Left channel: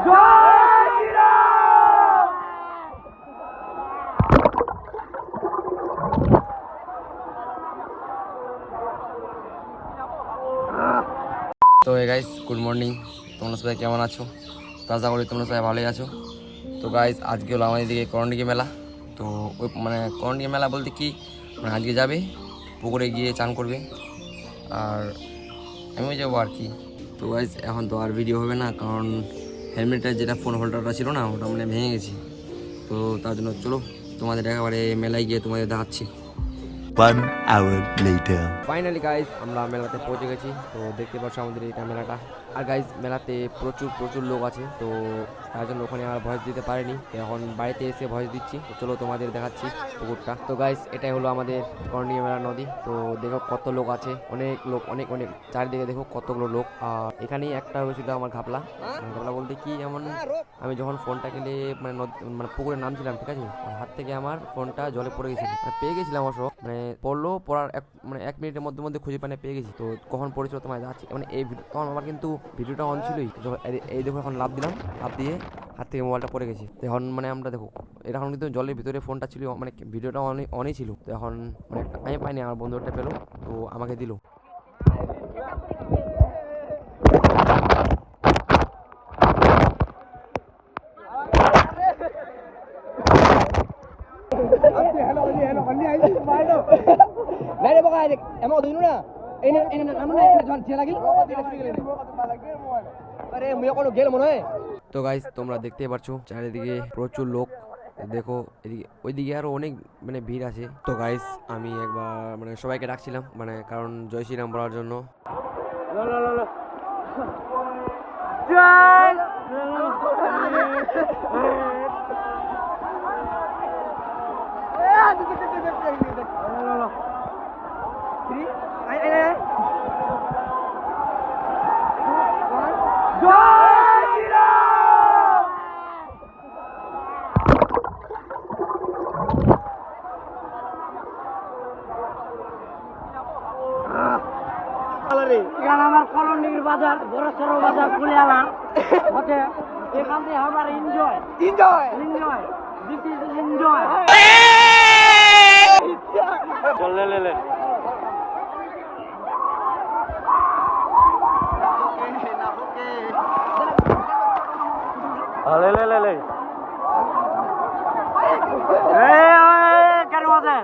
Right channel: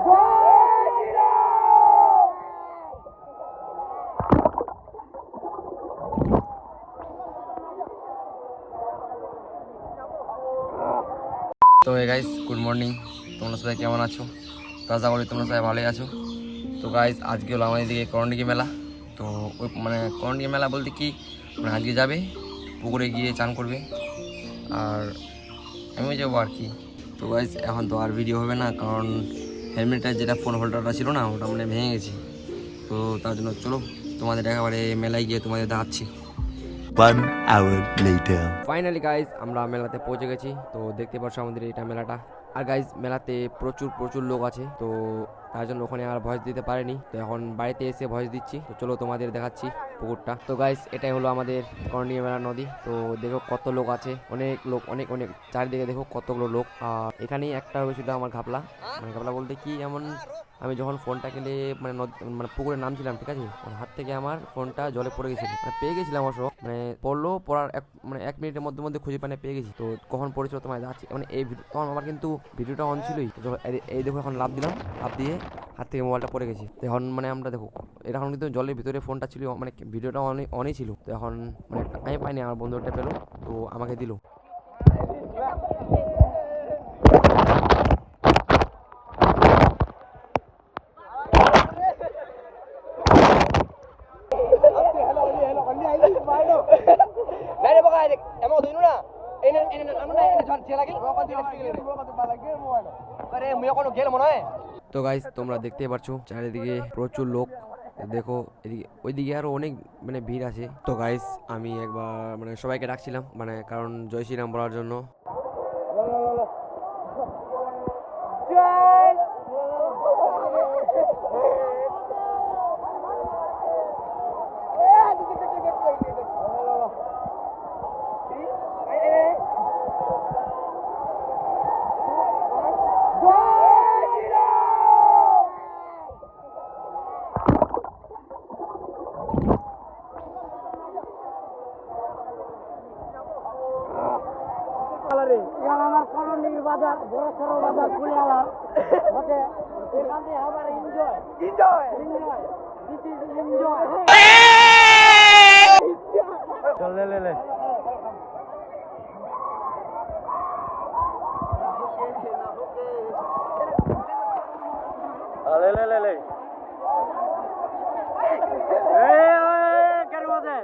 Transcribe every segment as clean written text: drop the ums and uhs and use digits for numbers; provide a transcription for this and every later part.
তো guys good morning, তোমরা সবাই কেমন আছো? তো আশা করি তোমরা সবাই ভালোই আছো। তো গাইস আজকে হলো আমাদের দিকে করণডিঘি মেলা। তো ওই মানে করণডিঘি মেলা বলতে কি মানে আজকে যাবে পুকুরে গিয়ে চান করবে আর আমিও যাবো আর কি। তো গাইস এখন তো আর ভিডিও হবে না, কারণ হেলমেটের যেটা ফোন হোল্ডারটা ছিল না ওটা মানে ভেঙে গেছে। তো তার জন্য চলো তোমাদের একেবারে মেলায় গিয়ে তোমাদের দেখাচ্ছি। 1 hour later. ফাইনালি গাইজ আমরা মেলাতে পৌঁছে গেছি। তো দেখতে পাচ্ছ আমাদের এটা মেলাটা। আর গাইজ মেলাতে প্রচুর লোক আছে, তো তার জন্য ওখানে আর ভয়েস দিতে পারিনি। তো এখন বাড়িতে এসে ভয়েস দিচ্ছি। তো চলো তোমাদের দেখাচ্ছি পুকুরটা। তো গাইজ এটাই হলো আমাদের করণডিঘি মেলা নদী। তো দেখো কত লোক আছে, অনেক লোক, অনেক চারিদিকে দেখো কতগুলো লোক। আর এখানেই একটা হয়েছিল আমার ঘাপলা, মানে ঘাপলা বলতে কি এমন আমি যখন ফোনটা কিনে মানে পুকুরে নামছিলাম, ঠিক আছে, হাত থেকে আমার ফোনটা জলে পড়ে গেছিল, মানে পেয়ে গেছিলাম অবশ্য, মানে পড়লো, পড়ার এক মিনিটের মধ্যে খুঁজে পানে পেয়ে গেছি। তো কখন পড়েছিল তোমার যাচ্ছি, মানে এই তখন আমার কিন্তু ভিডিওটা অন ছিলই। এই দেখো এখন লাভ দিলাম, লাভ দিয়ে হাত থেকে মোবাইলটা পড়ে গেছি। তো এখন মানে আমরা দেখো এখন কিন্তু জলের ভিতরে ফোনটা ছিল, মানে ভিডিওটা অনই ছিল। তো এখন মানে আমি পাইনি, আমার বন্ধুটা পেলো, তো আমাকে দিল। তো গাইস তোমরা দেখতেই পারছো চারিদিকে প্রচুর লোক। দেখো এদিকে ওইদিকে আরো অনেক মানে ভিড় আছে। তো গাইস আমি একবার মানে সবাইকে ডাকছিলাম, মানে কারণ জয় শ্রীরাম বলার জন্য। আমার করণডিঘির বাজার, বড় সড়ো বাজার কুলিয়ালার মধ্যে এখান থেকে আমার এনজয় দিস ইজ এনজয়। চল লে লে লে কেন আছে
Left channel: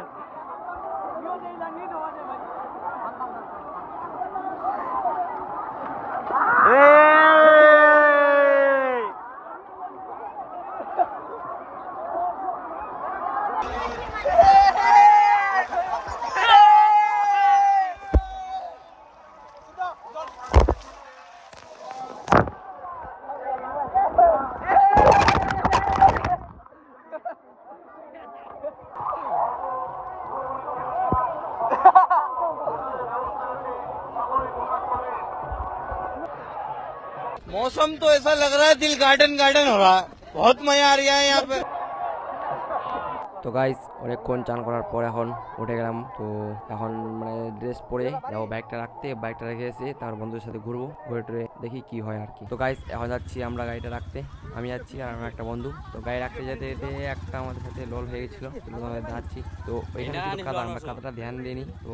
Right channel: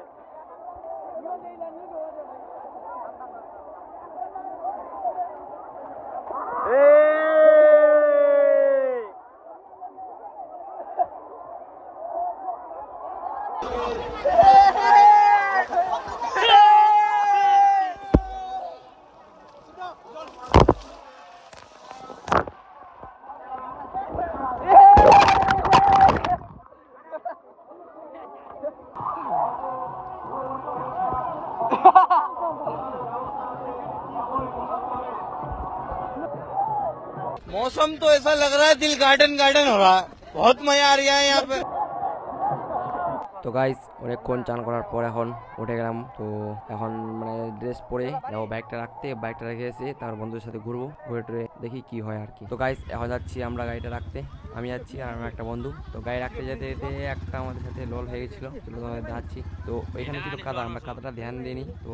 मौसम तो ऐसा लग रहा है दिल गार्डन हो रहा है, बहुत मजा आ रहा है यहाँ पे। তো গাইস অনেকক্ষণ চান করার পর এখন উঠে গেলাম। তো এখন মানে ড্রেস পরে যাবো বাইকটা রাখতে, বাইকটা রেখে এসে তার বন্ধুদের সাথে ঘুরবো, ঘুরে টুরে দেখি কি হয় আর কি। তো গাইস এখন যাচ্ছি আমরা গাড়িটা রাখতে, আমি যাচ্ছি আর আমার একটা বন্ধু। তো গাড়ি রাখতে যেতে যেতে একটা আমাদের সাথে লোল হয়ে গেছিলো, তোমাদের দেখাচ্ছি। তো ওইখানে ছিল কাদা, আমরা কাদাটা ধ্যান দিইনি। তো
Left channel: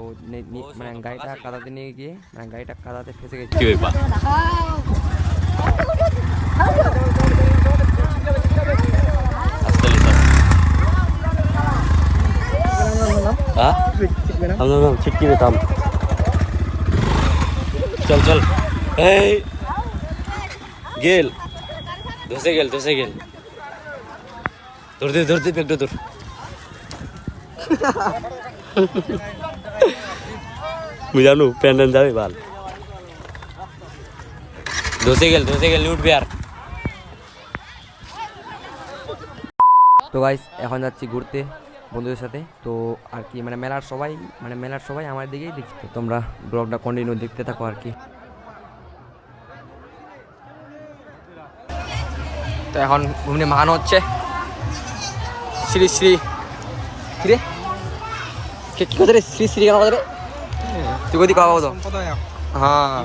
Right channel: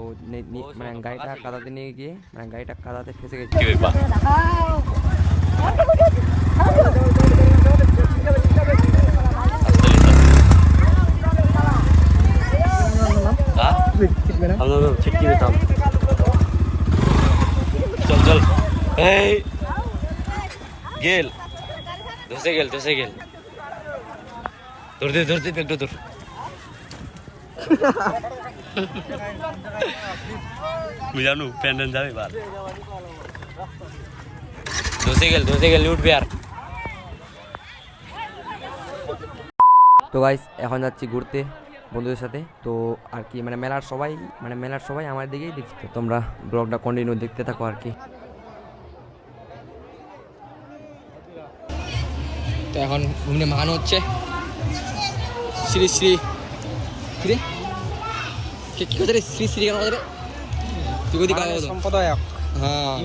মানে গাড়িটা কাদাতে নিয়ে গিয়ে মানে গাড়িটা কাদাতে ফেসে গেছে। छिटकी में काम चल चल गेल धसे गेल धरते একটু তোর বুঝানো প্যান্ডেন যাবে ভাল ধসে গেল উঠবে আর। তো গাইস এখন যাচ্ছি ঘুরতে বন্ধুদের সাথে। তো আর কি মানে মেলার সবাই আমার দিকেই দেখছি। তো তোমরা ব্লগটা কন্টিনিউ দেখতে থাকো আর কি। তো এখন ঘুমনে মাহানো হচ্ছে শ্রী শ্রী রে কি কথা রে শ্রী শ্রী কেন কথা রে তুই কোথায় খাওয়া তো হ্যাঁ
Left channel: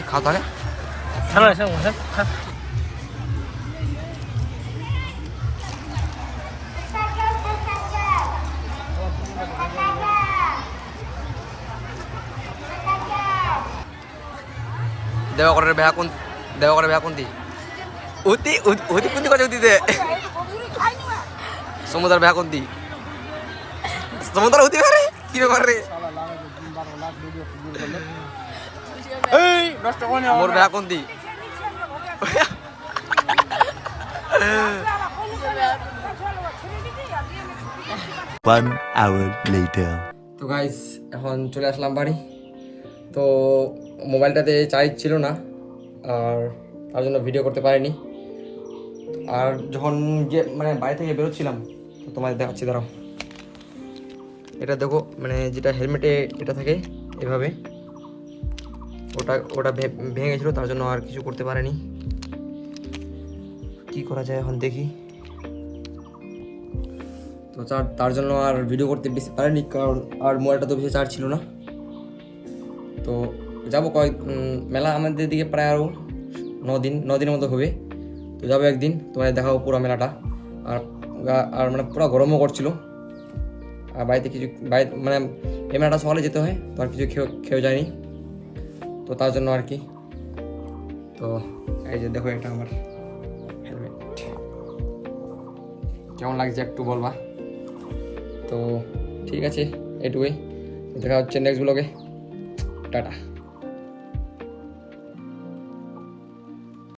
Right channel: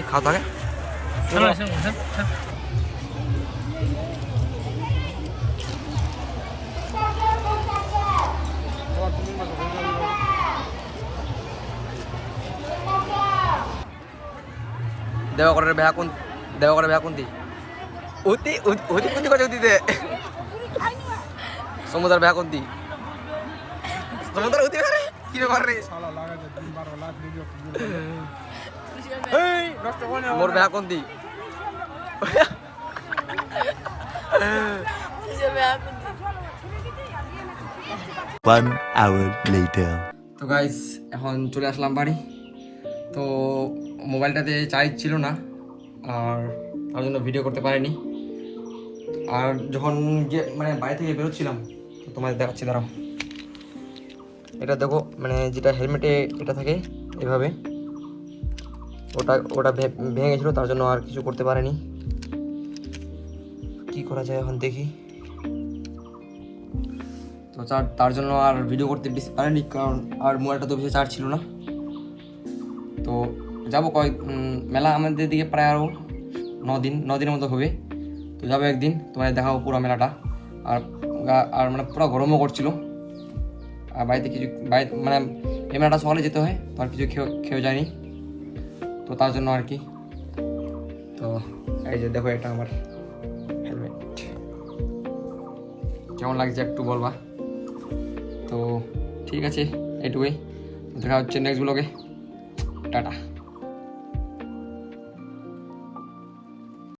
দেখি খাওয়া থাকে দেওয়াকরের বেহা কোনটি উতি উতি কোনটি কথা উতিতে সমুদ্র বেহা কোনটি সমুদ্র উতি পারে কি ব্যাপার রে মোর বেহা কোনটি One hour later. তো গাইস এখন চলে আসলাম বাড়ি তো মোবাইলটাতে চার্জ ছিল না আর তার জন্য ভিডিও করতে পারিনি আর যখন যে মানে বাড়ি থেকে বেরোচ্ছিলাম তো তোমাদের দেখাচ্ছি দাঁড়াও এটা দেখো মানে যেটা হেলমেটে এটা থাকে এভাবে ওটা ভেঙে গেছিলো তার জন্য আর কিছু করতে পারিনি কি করা যায় এখন দেখি তো তার জন্য আর ভিডিও করতে বেশি পারিনি কারণ আর মোবাইলটা তো বেশি চার্জ ছিল না তো যাবো মেলা আমাদের দিকে প্রায় আরও 9 দিনের মতো হবে তো যাবো একদিন তোমাদের দেখাবো পুরো মেলাটা আর মানে পুরো গরমও করছিল আর বাড়িতে মানে এই মেলাটা সকালে যেতে হয় তো আর কিছু খেয়ে যায়নি তো তার জন্য আর কি তো এই যে দেখো এটা আমার হেলমেট কেমন লাগছে একটু বলবা তো ঠিক আছে এটুকুই দেখা হচ্ছে নেক্সট ব্লগে টাটা